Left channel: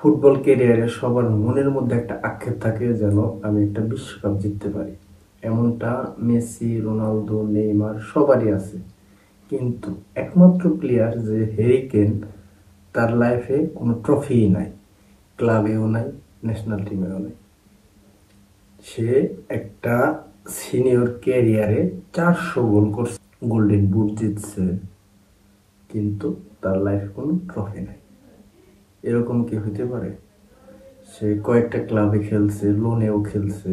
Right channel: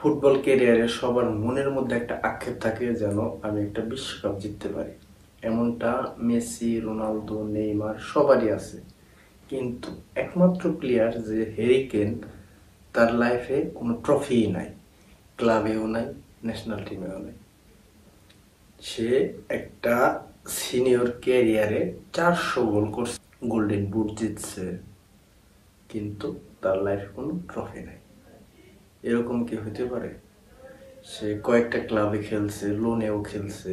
Football ক্যারিয়ারে সবার মনের মধ্যে একটা আক্ষেপ থাকে যেন আমি একটা বিশ্বকাপ জিততে পারি। এমনটা মেসি, রোনালদো, নেইমার সবারই আছে। কিন্তু একমাত্র প্লেয়ার যে হ্যারি কেন, তার লাইফে কোনো ট্রফিই নাই, ক্লাবেও নাই, ন্যাশনাল টিমেও নাই। সে একটা সিনিয়র ক্যারিয়ারে 400 গোল করছে, গোল্ডেন বুট জিতছে, কিন্তু তার লাইফে কোনো ট্রফি নাই। এরকম কি হতে পারে? সে কয়েকটা ক্লাবে খেলছে, লোনেও খেলছে,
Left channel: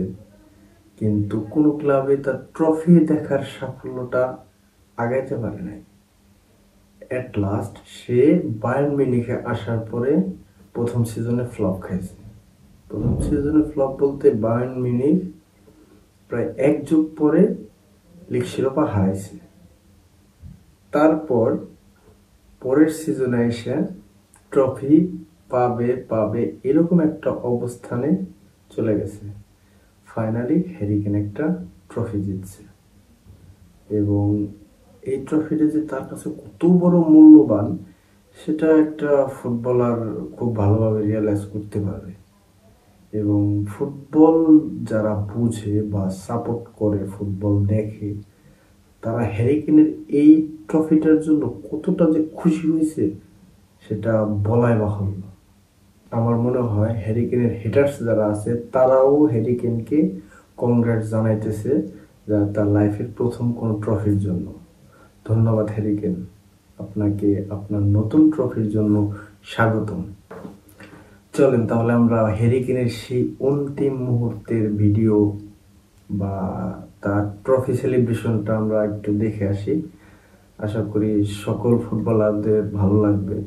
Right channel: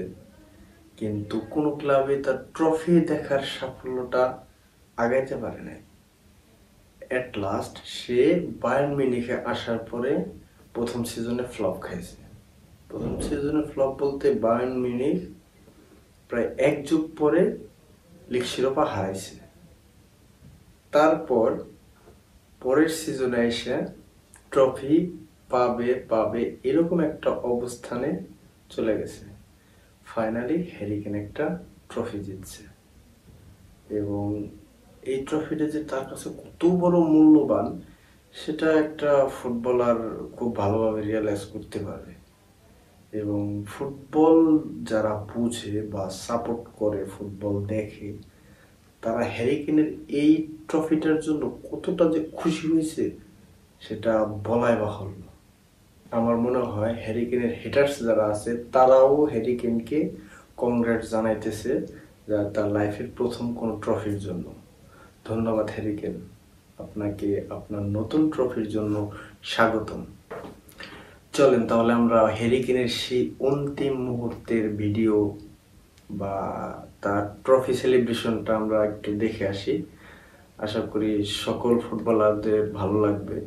কিন্তু কোনো ক্লাবে তার ট্রফি দেখার সাফল্যটা আগাইতে পারে নাই। এট লাস্ট সে বায়ার্ন মিউনিখে আসার পরে প্রথম সিজনে ফ্লপ খাইছে। প্রথম সিজনে ফ্লপ বলতে বায়ার্ন মিউনিখ প্রায় এক যুগ পরে লিগ শিরোপা হারাইছে। তারপর পরের সিজনে এসে ট্রফি পাবে পাবে এরকম একটা অবস্থানে চলে গেছে। ফাইনালি হ্যারি কেন একটা ট্রফি জিতছে, এবং এই ট্রফিটা যে তার কাছে কত বড় মূল্যবান সেটা একটা ফুটবলার খুব ভালোভাবে রিয়েলাইজ করতে পারবে। এবং ফুটবল যারা বুঝে বা সাপোর্ট করে, ফুটবল দেখে, তারা হ্যারি কেনের এই ট্রফিটার জন্য কতটা যে খুশি হয়েছে সেটা বলাই বাহুল্য। আমার মনে হয় হ্যারি কেনের হেটার্স যারা আছে তারাও হ্যারি কেনকে কংগ্রেস জানাইতেছে তার লাইফের প্রথম কোন ট্রফির জন্য। ধন্যবাদ হ্যারি কেন, আপনাকে আপনার নতুন ট্রফির জন্য স্বাগতম। চলেন তাহলে আমরা হ্যারি কেনের সেই অন্তিম মুহূর্তের ভিডিও বা তার ট্রফি সেলিব্রেশনটা আমরা একটু দেখে আসি। আশা করি সকল ফুটবলারদের ভালো লাগবে।